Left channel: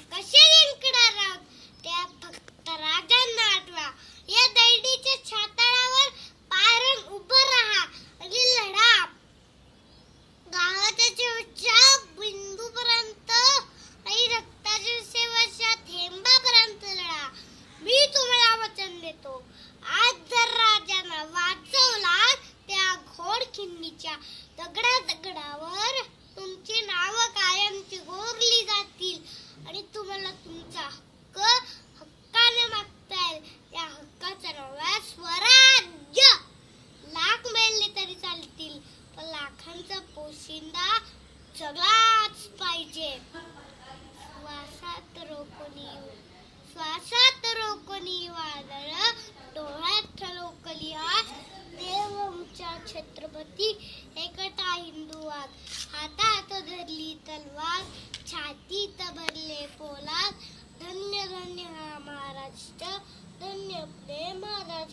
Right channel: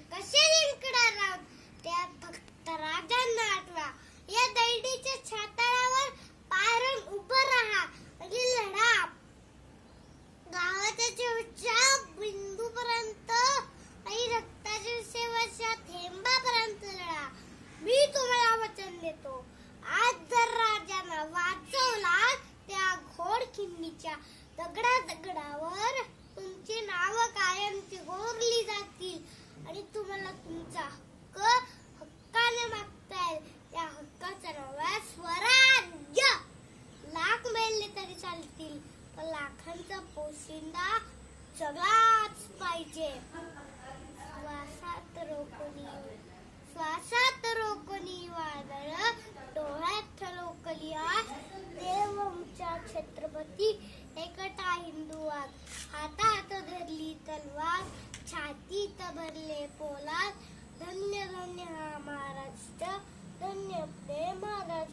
कसे जिंकणार आहोत? त्या फक्त राजांना आठवा. या दैडीच्या उभं राहा आणि लढा. बिंदूपर्यंत आणि थेंबापर्यंत लढा. मी तुम्हाला वचन देतो. आज जर राजांना वाचवला त्या घोड दगडा दगडावर मला तुमचा हक्क हक्काने मागता येईल त्या हक्काचा नवा स्वराज्य. लाख मेलले तरी चालतील पण लाखांचा पोशिंदा जगलाच पाहिजे. श्वासात रोकणी श्वासात रोकणी वादळ डोळ्यात ठळोकली आज देवमच्या छत्रपती एकटा हिंदू आज. छातीत भरले पोलाद. धन्य धन्य हा महाराष्ट्र धन्य प्रेम महाराज.